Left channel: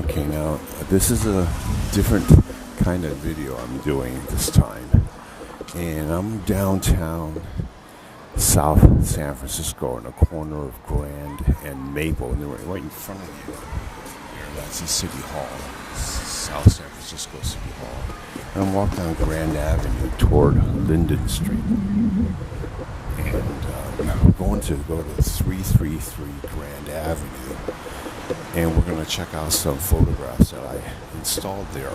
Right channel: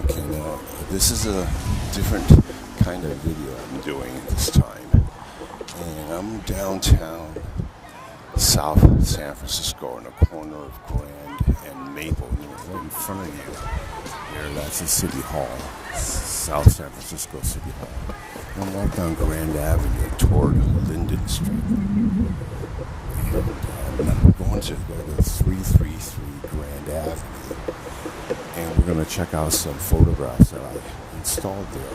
Okay, now this is a different kind of video I'm doing this time. And I'm downtown South San Francisco in the corner of Grand and Maple. And right in front of you there, that's the City Hall, South San Francisco City Hall. And I'm walking down Grand Avenue toward Linden Street. And now I'm going to go to 333 Grand Avenue. And we're going to check out some photographs that I installed there,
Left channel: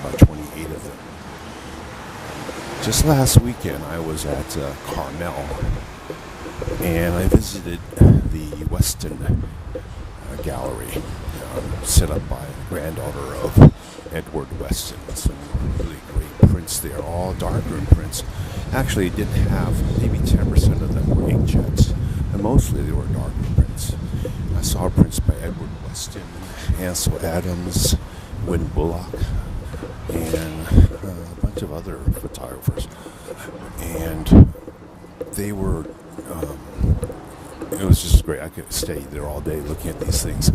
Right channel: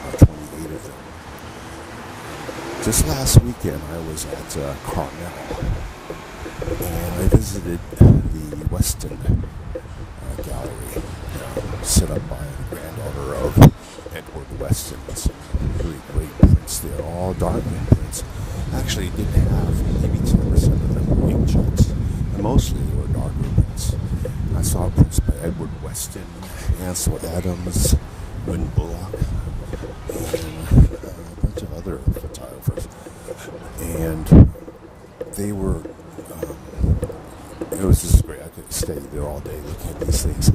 about 28 of them. Just last weekend, I was at Carmel, and I visited the Weston Gallery, set up by the granddaughter of Edward Weston. Some really great prints there, all darkroom prints. Actually, it didn't have, maybe 10% of them were inkjets, and mostly they were darkroom prints. I saw prints by Edward Weston, Ansel Adams, Win Bullock, and a bunch of other photographers. And they were, it was just great. I could stay there all day looking at these things.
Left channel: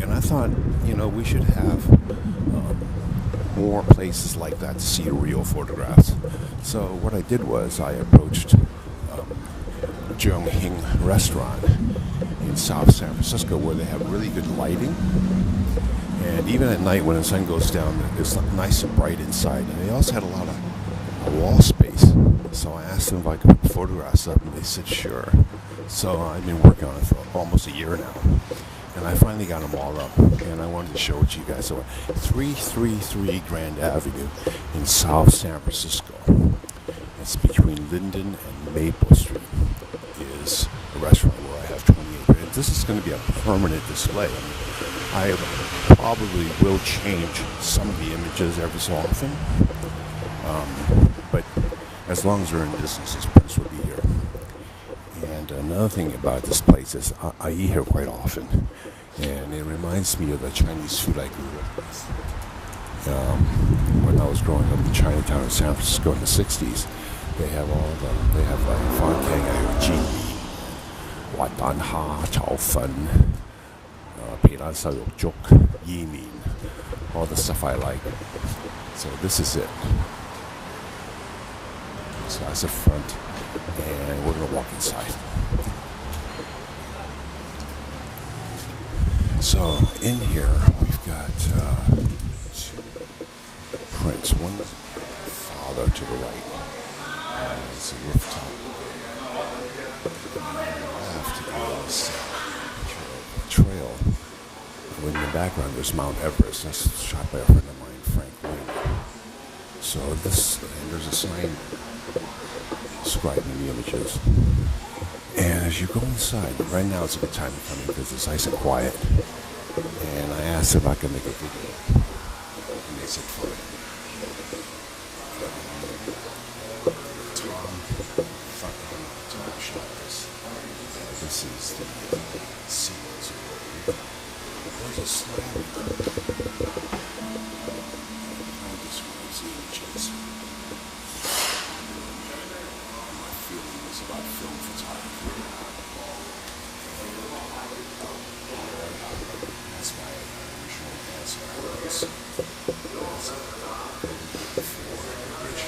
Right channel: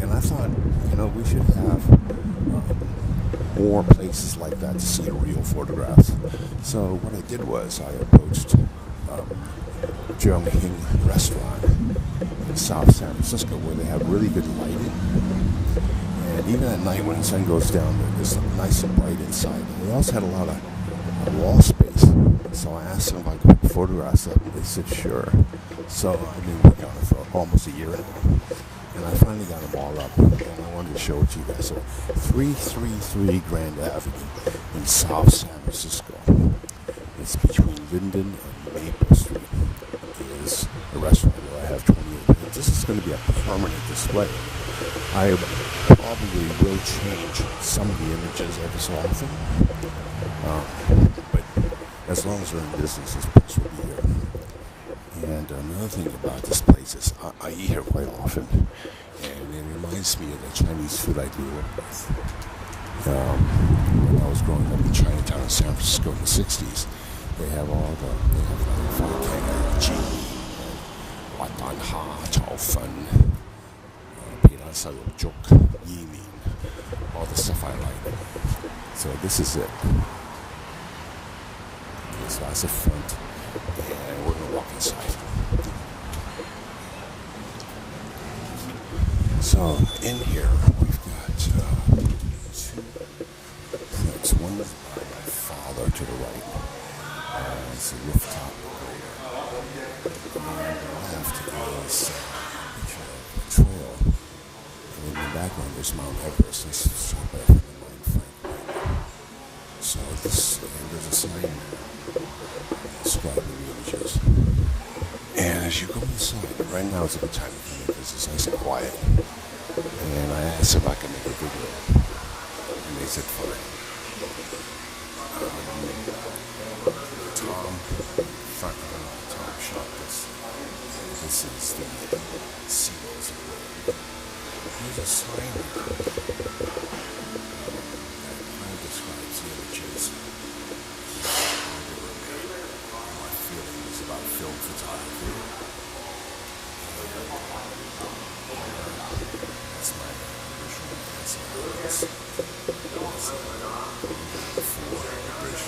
And I thought, we should have more places like that to see real photographs. So what I did was I approached Cheung Hing Restaurant in South San Francisco, where they have really good lighting. And even at night when the sun goes down, it's nice and bright inside. And they also had a lot of wall space. So I asked them if I could put the photographs up, and they said sure. So I've been working on it for almost a year now. And I finally got them all up. And I wanted to show it to you guys. So 333 Grand Avenue in South San Francisco. It's between Linden and Maple Street. Is a restaurant where I have 28. And this is going to be a permanent display. I probably will change some of the images every so often. But as long as they're in business, this place will be here. And another thing about this place is I eat here quite often. And it reminds me of the Chinese food I grew up with. When I was growing up in Chinatown in San Francisco in the 60s, they have like Fan Kang Ayo Ji and Watan Ha Chao Fen, Peilan Sao Yok Juk, Yi Min, all the stuff I like. So this is it. Okay, so that's the front, and we're going to walk inside. So in here, we've got two prints. One is by my father to the right. It's a rooftop. And on the left is a picture of a trail. In the background, there's Mount Everest. That's shot by a friend of mine, Frank Wynn. So and there's a sign describing the images. And as you go inside, right now it's a good time to come in because it's nice and quiet. And I asked if I could make a video. And they said fine. Tom shot this. This is the seals of Britain. There's a sign here that describes the images how they were made and my feelings about film photography. That's my original Ansel Adams. Before the bridge.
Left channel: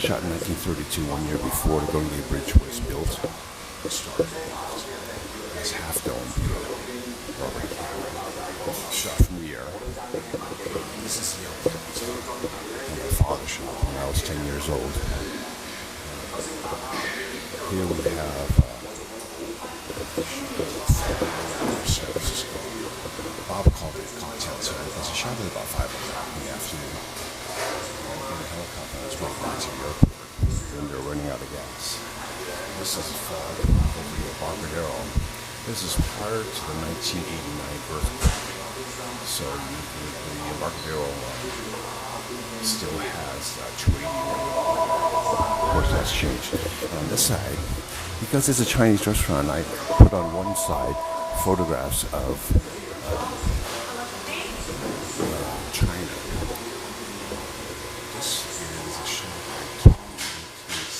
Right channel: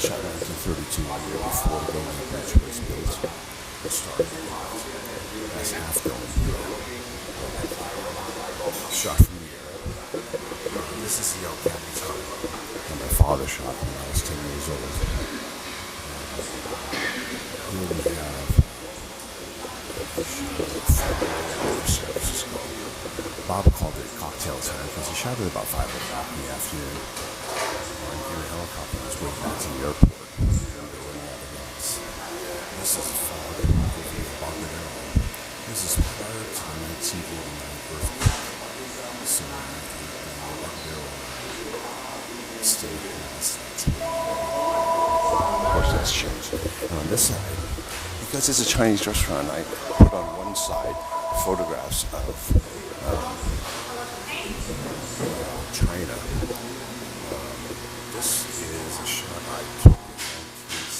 Shot in 1932, 1 year before the Golden Gate Bridge was built. It started as Half Dome. Shot from the air. This is the El Capitan that my father shot when I was 10 years old. Here we have San Francisco. Bob called it cocktail time because he shot at about 5 o'clock in the afternoon. In a helicopter on his way back to the airport, and they're running out of gas. This is the fog over the Embarcadero. This is prior to the 1989 earthquake. So the Embarcadero still has 280 has changed. And on this side, because it's a Chinese restaurant, I put on one side photographs of China. This is a shot I took in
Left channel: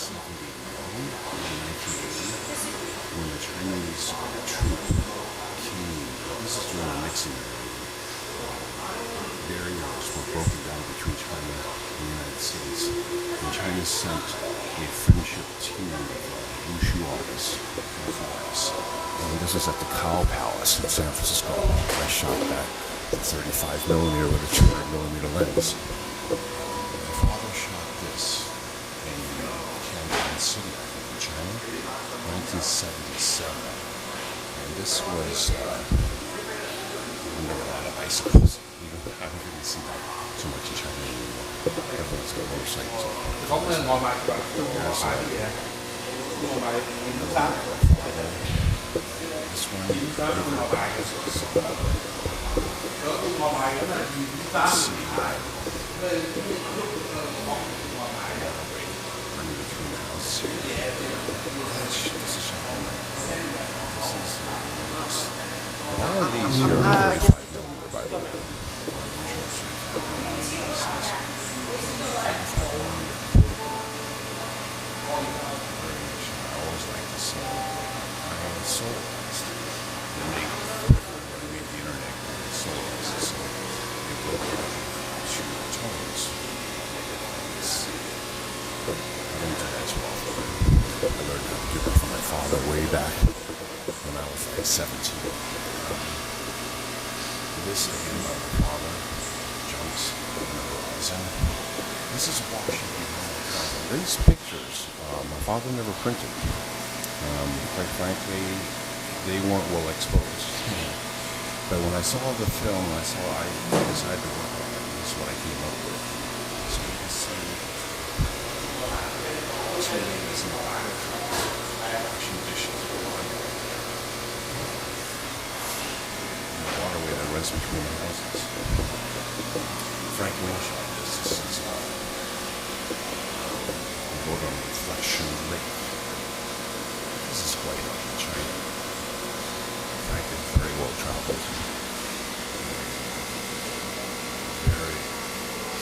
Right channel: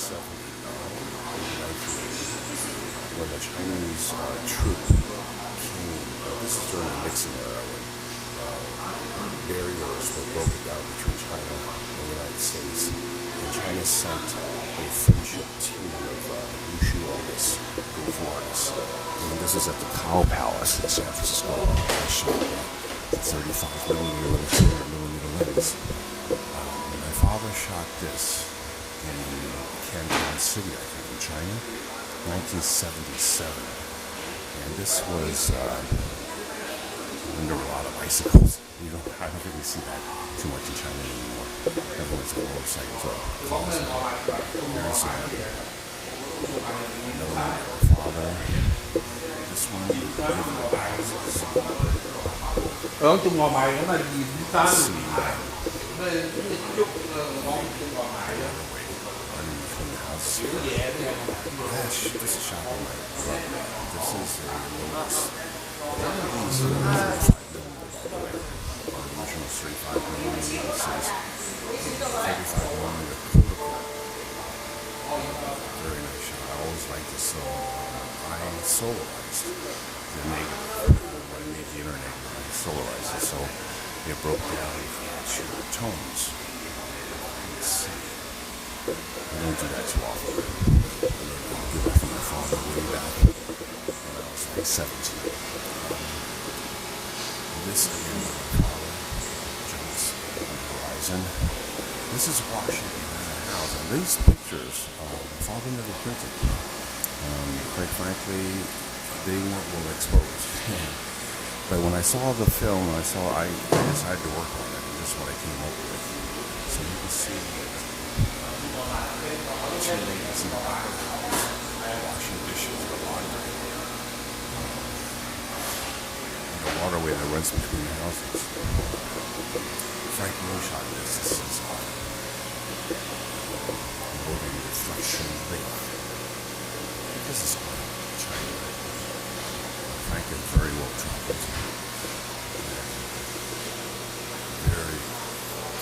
1979 and 1980 when the Chinese troop came. This is during the Nixon era when barriers were broken down between China and the United States. And China sent a friendship team of wushu artists, kung fu artists. And this is at the Cow Palace in San Francisco. I shot that with 35 millimeter with a 200 millimeter lens. My father shot this in Canton City, I think, in China, 1977. And this was when there were a lot of bicycles. I don't think you see that too much in China anymore. Everyone's got motorcycles or cars. There's another one of my father. This one, waterway running between the houses here. This is shot by my brother. This is one of these here are 35 millimeter, by the way. Original 35 millimeter. This is 35 millimeter Kodak. Very nice shot. I always like to sell. I solarized the negative. When I made the internet, I solarized it, so it broke down to tones. Let's see. I don't do that too often. I learned how to do that from my father way back when I was like 17. This again by my father, Junks in the Horizon. This is Washington behind the house. And these pictures, my father never printed. Quite frankly, they weren't well exposed. But when I saw the film, I decided to work on it, and this is what I came up with. So you can see two ladies in the back of the house washing dishes with laundry. The waterway that runs between the houses. Frank Green shot this. This is a boat on Reflection Lake. This is quite up in China. Frankly, very well traveled. Very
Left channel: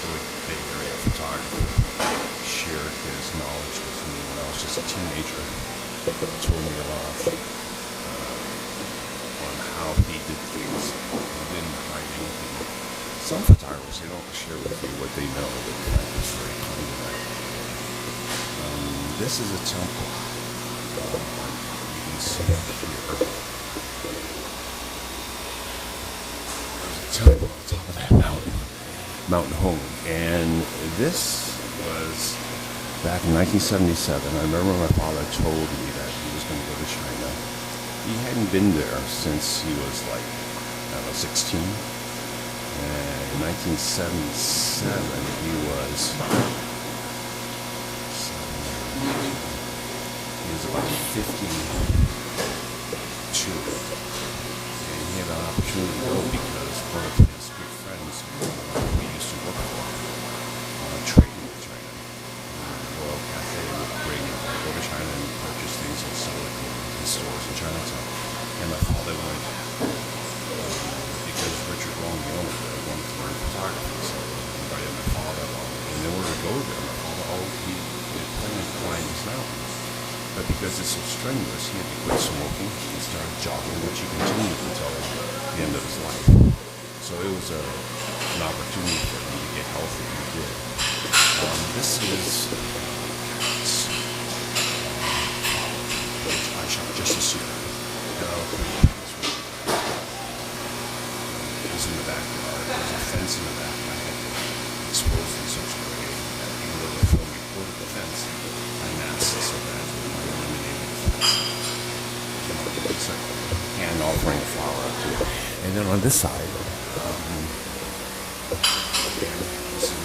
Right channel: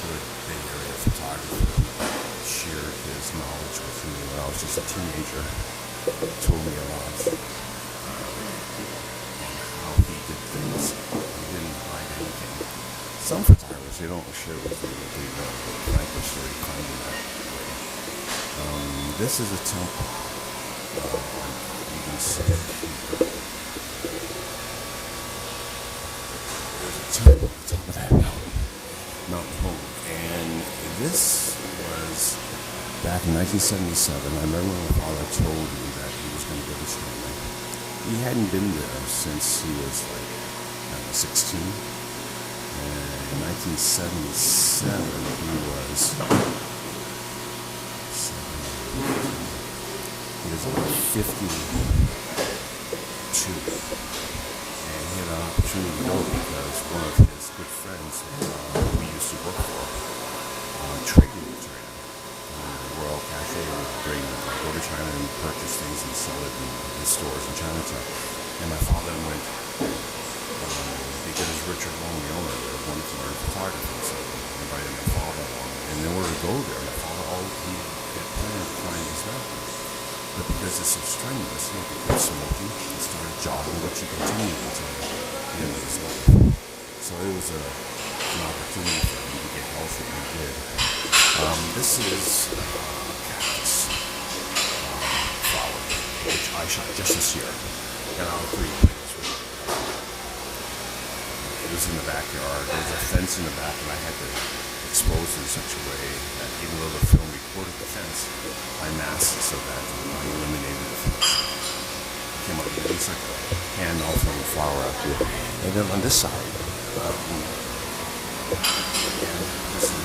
good Bay Area photographer. Shared his knowledge with me when I was just a teenager. He told me a lot on how he did things. He didn't hide anything. Some photographers, they don't share with you what they know, but Frank was very kind in that way. This is a temple. You can see it here. There's a temple on top of that mountain, Mount Hong. And this was back in 1977. I remember my father told me that he was going to go to China. He hadn't been there since he was like, 16. And in 1977, he was about 52. And he had an opportunity to go because one of his good friends who he used to work for traded with China. The Royal Cafe would go to China and purchase things and sell it in his stores in Chinatown. And my father went because Richard Long, the owner there, wanted to learn photography, so he invited my father along. And in order to go there, my father he had planned to climb this mountain. But because it's so strenuous, he had to quit smoking and started jogging, which he continued until the end of his life. So it was an opportunity for him to get healthy, and he did. This is cactus flower, which I shot just this year. And I'll tell you it was in the backyard. There was a fence in the back, and I had to expose it in such a way that even though the film recorded the fence, I masked so that I eliminated the fence. Came up with just like a hand offering a flower. And then on this side, again, this is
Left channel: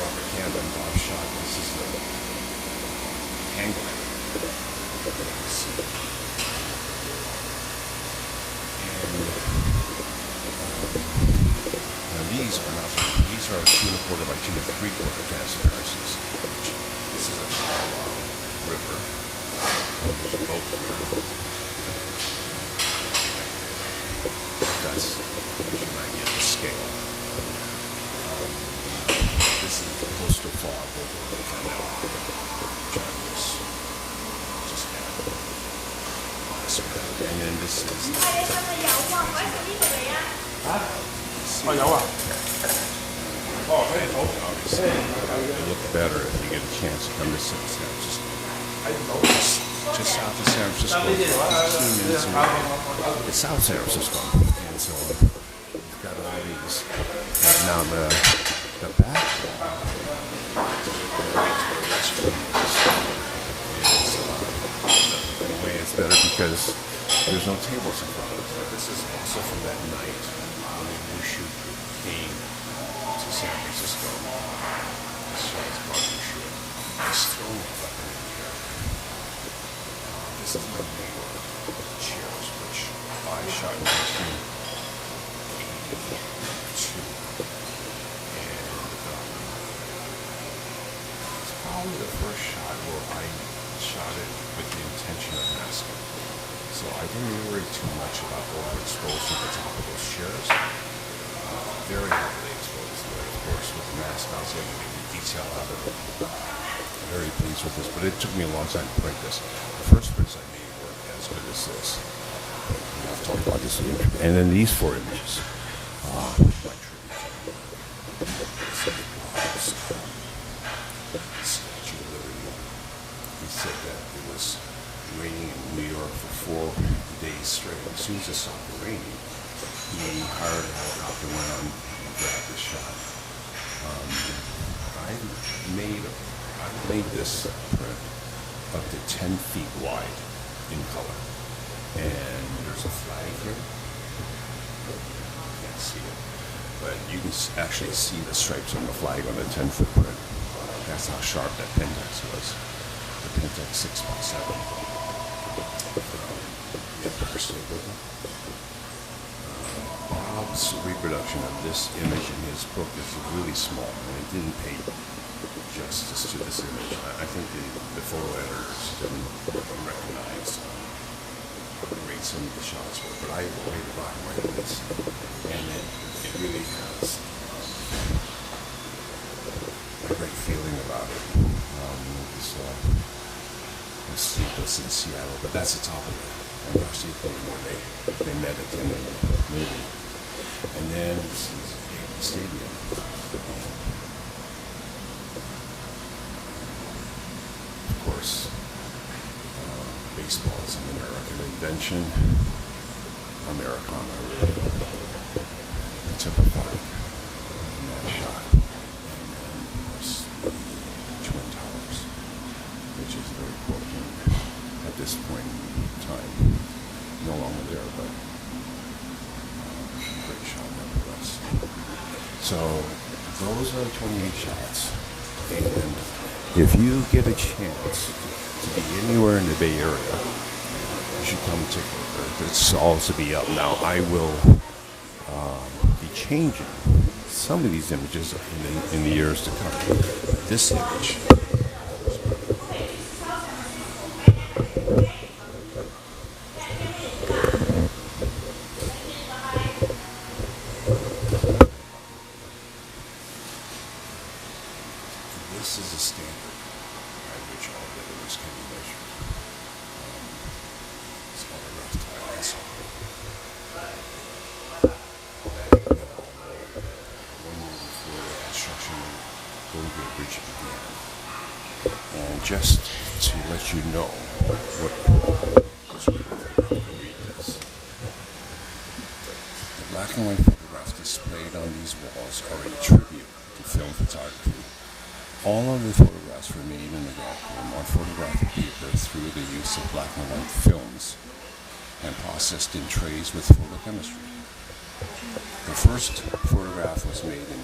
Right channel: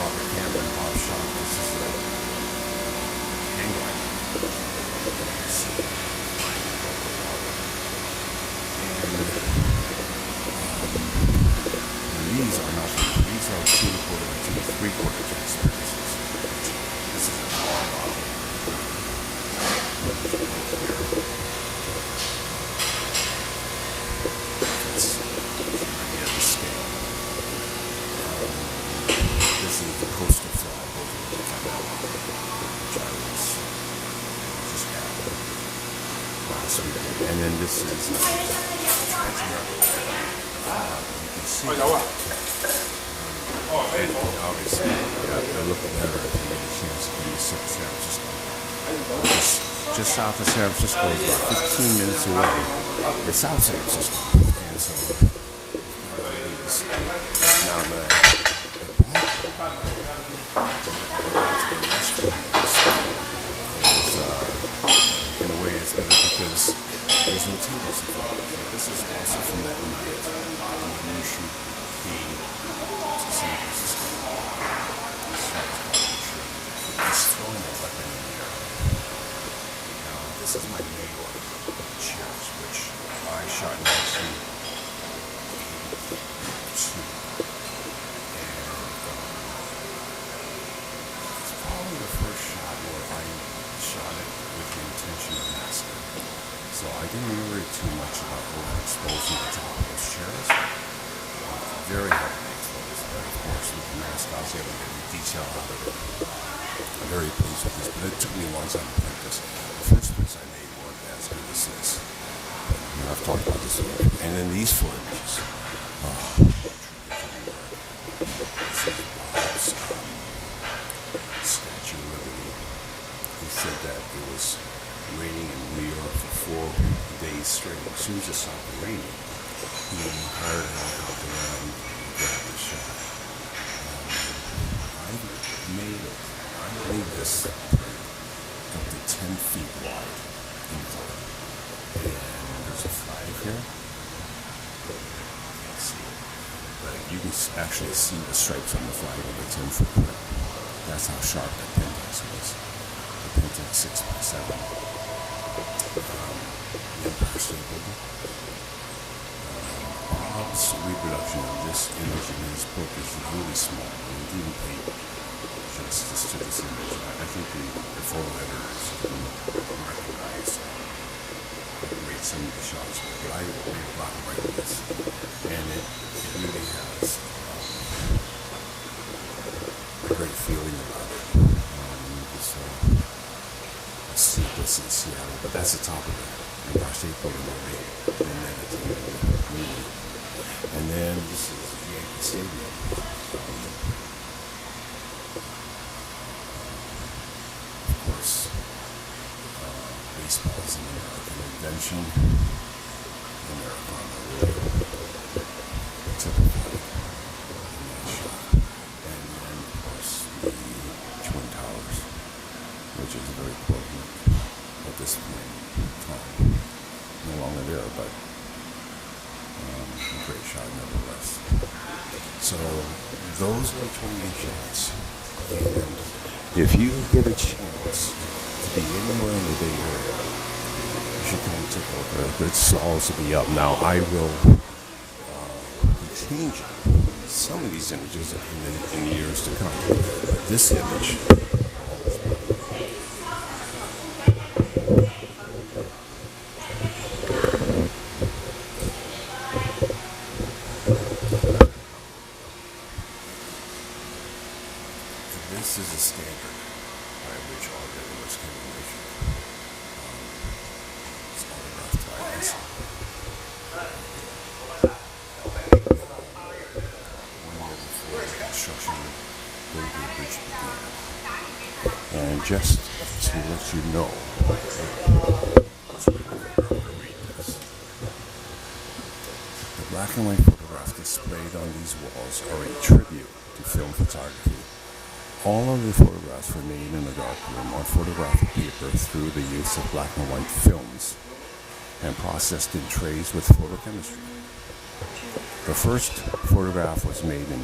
Robert Cameron, Bob shot. This is a hang glider. These are 2 1/4 by 2 3/4 transparencies. This is a Colorado River. And there's a boat here. That's gives you an idea of the scale. This is the coastal fog over Carmel, which I just had last week. And then this is the see it. Obviously, it'll look better if you get a chance to come to San Francisco. Just south of San Francisco, about 15 minutes away, is South San Francisco. And so we've got all these. And the background, and that's where the restaurant is, in a way it's better because there's no tables in front of it. This is also from that night when the new shoot came to San Francisco. This shot is called New Shoot. He's throwing a weapon in the air. This is my New York chairs, which I shot in 1982. And it's probably the first shot where I shot it with the intention of masking. So I didn't worry too much about overexposing the top of those chairs. Very heavily exposed, but of course with the mask I was able to get the detail out of it. I'm very pleased with this, but it took me a long time to print this. The first prints I made weren't as good as this, but I've talked about this. And then these 4 images. Statue of Liberty. He said that it was raining in New York for 4 days straight. As soon as it stopped raining, he hired a helicopter around and grabbed this shot. I made this print up to 10 feet wide in color. And there's a flag here. You can't see it. But you can actually see the stripes on the flag on the 10-foot print. That's how sharp that Pentax was. The Pentax 6x7. The Empire State Building. Bob's reproduction of this image in his book is really small, and he didn't pay justice to this image. I think the photo editors didn't recognize how great some of these shots were, but I made a black and white of this, and it really has a great feeling about it. You saw a sequence in Seattle, but that's the top of the Empire State Building where they met at the end of the movie. And then this is Yankee Stadium. Of course, baseball is an American invention. Americana really took a part in that shot. And then, of course, the Twin Towers, which is very important at this point in time. No longer there, but a great shot nevertheless. So those are 28 shots, and if you get a chance to be anywhere in the Bay Area, you should come and take a look at it. It's all to be up now. I will be changing some of these images in the years to come, but this image. This is a standard by which all the other ones can be measured. It's autographed by Ansel. 1 year before the construction of the Golden Gate Bridge began. And just to let you know what was written here, I'm going to read this. The black and white photographs displayed on these walls are a tribute to film photography. All of the photographs were made in a darkroom on photographic paper through the use of black and white films and processed in trays with photochemistry. The first photograph was made in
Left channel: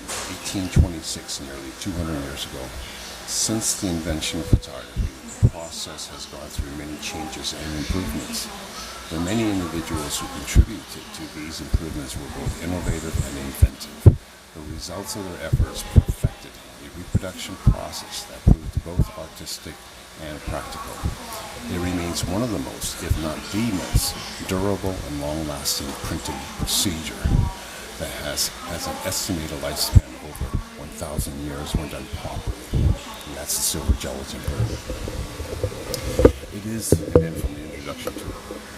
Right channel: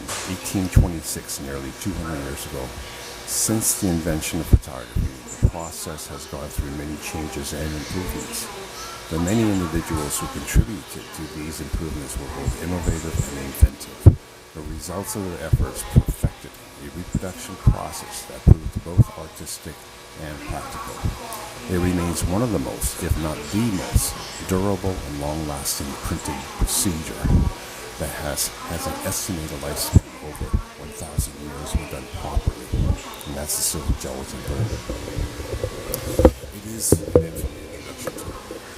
1826, nearly 200 years ago. Since the invention of photography, the process has gone through many changes and improvements. The many individuals who contributed to these improvements were both innovative and inventive. The results of their efforts perfected a reproduction process that proved both artistic and practical. It remains one of the most, if not the most, durable and long-lasting printing procedure that has an estimated lifespan over 1,000 years when done properly. And that's the silver gelatin print. It is, and then from the introduction to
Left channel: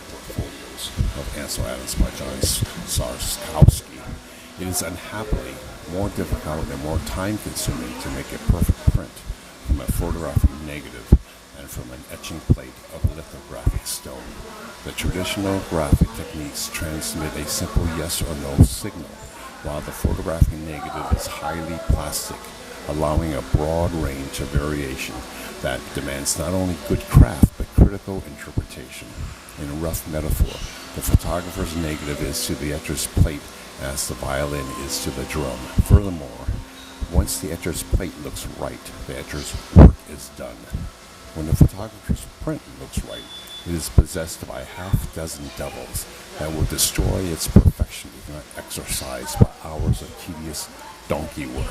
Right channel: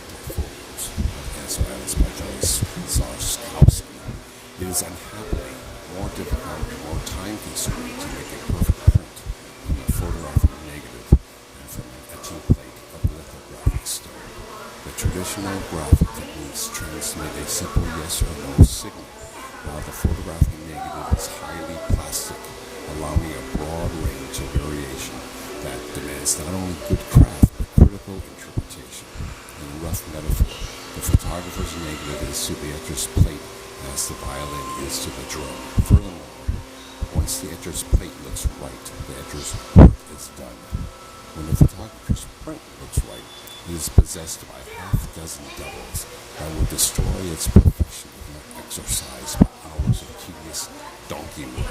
Portfolios of Ansel Adams by John Sarskowski. It is unhappily more difficult and more time-consuming to make a perfect print from a photographic negative than from an etching plate of a lithographic stone. The traditional graphic techniques transmit a simple yes or no signal, while the photographic negative is highly plastic, allowing a broad range of variation that demands not only good craft but critical interpretation. In a rough metaphor, the photographer's negative is to the etcher's plate as the violin is to the drum. Furthermore, once the etcher's plate looks right, the etcher's work is done. When the photographer's print looks right, it is possessed by a half-dozen devils that will destroy its perfection if not exorcised by hours of tedious donkey work.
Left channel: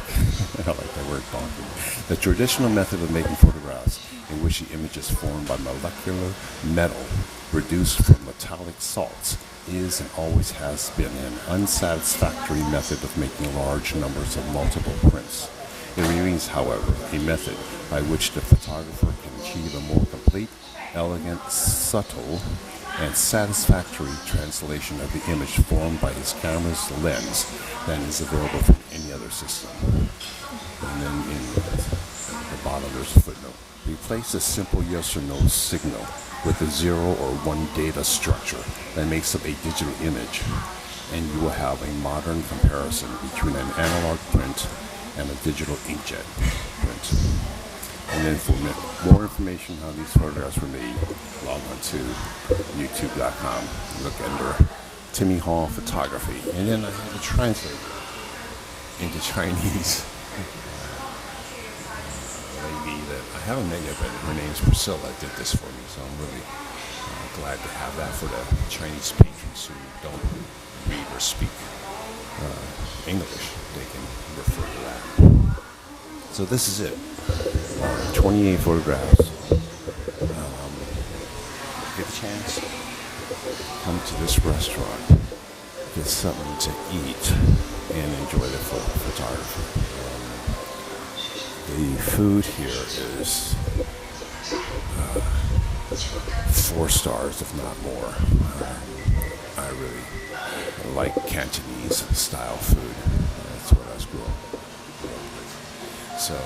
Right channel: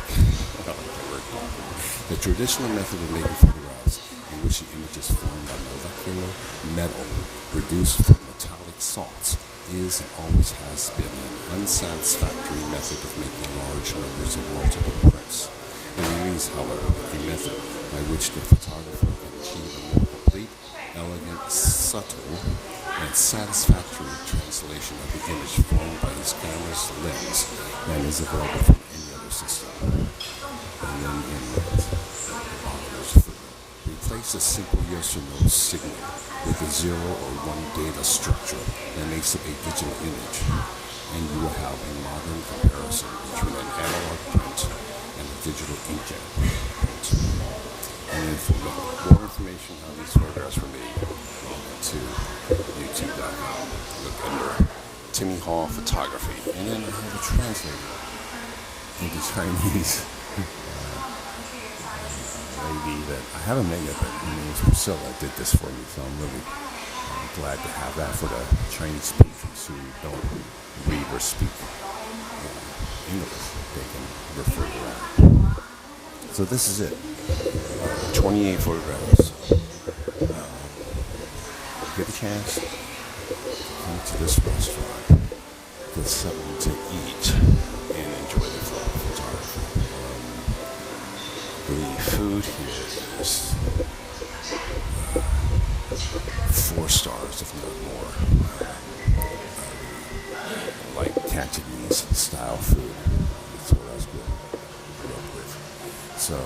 I like that word, donkey. The traditional method of making photographs, in which the image is formed by molecular metal reduced from metallic salts, is and always has been an unsatisfactory method of making large numbers of multiple prints. It remains, however, a method by which the photographer can achieve a more complete, elegant, subtle, and satisfactory translation of the image formed by his camera's lens than is available from any other system. And then in the bottom there's a footnote. Replace a simple yes or no signal with a 0 or 1 data structure that makes up a digital image, and you will have a modern comparison between an analog print and a digital inkjet print. And then for more information on how these photographs were made, log on to youtube.com. Look under Timmy Hall Photography. And then I had to translate it into Chinese. Lady that I haven't met yet, but her name is Priscilla, did this for me, so I'm really glad to have that for the Chinese patrons who don't read or speak English. They can refer to that. So this is it. 28 photographs. Get a chance, come to this restaurant, get something to eat, and enjoy the photography. The food here is 4 stars, if not more. I really like Cantonese style food. That's what I was grew up with. So,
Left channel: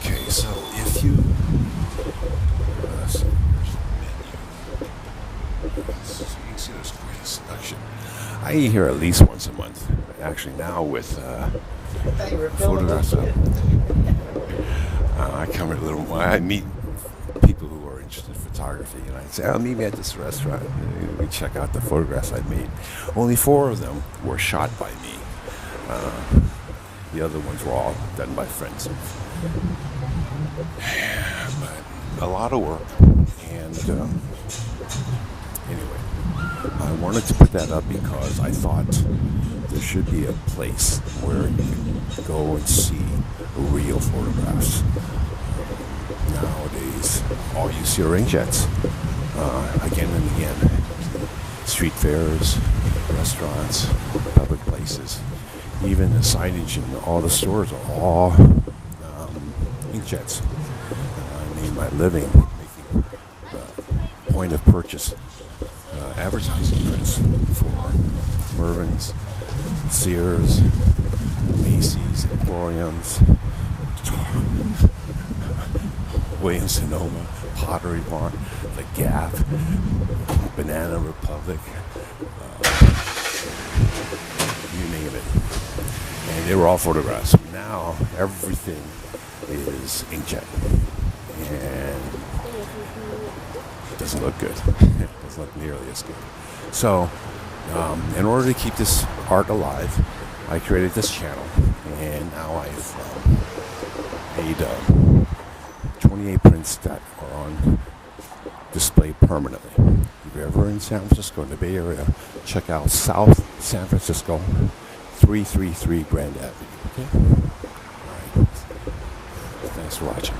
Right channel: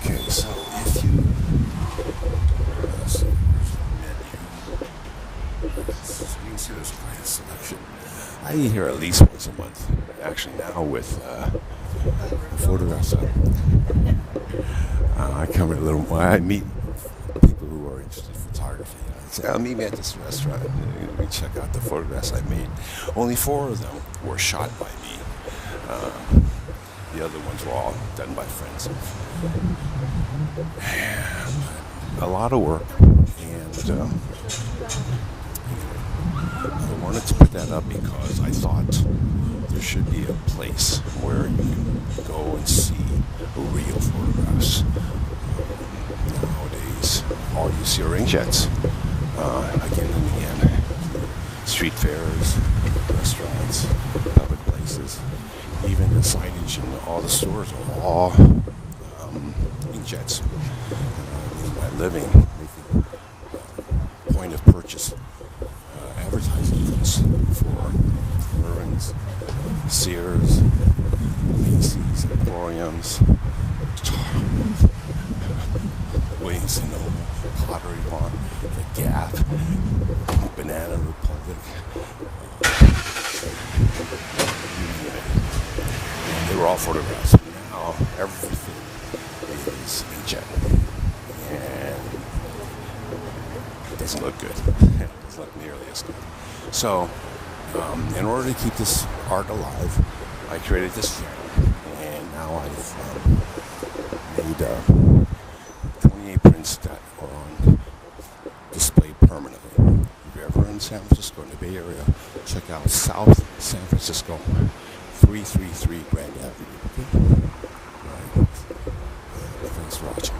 okay, so if you, let's see, here's the menu. So you can see there's quite a selection. I eat here at least once a month. Actually, now with photographs up. I come here a little more. I meet people who are interested in photography, and I say, meet me at this restaurant. We check out the photographs I made. Only 4 of them were shot by me. The other ones were all done by friends. But a lot of work. And anyway, I wanted to put that up because I thought there should be a place where you can go and see real photographs. Nowadays, all you see are inkjets. Again and again. Street fairs, restaurants, public places, even the signage in all the stores are all inkjets. And I made my living making point of purchase advertising prints for Mervyn's, Sears, Macy's, Emporiums, Williams-Sonoma, Pottery Barn, The Gap, Banana Republic, you name it. And they were all photographs. Now everything is inkjet, and it doesn't look good. It doesn't look nearly as good. So, in order to keep this art alive, I created this channel, and now I've made 28 prints that are on display permanently. If you're ever in San Francisco, in the Bay Area, check out South San Francisco, 333 Grand Avenue. Okay? All right. Thanks for watching.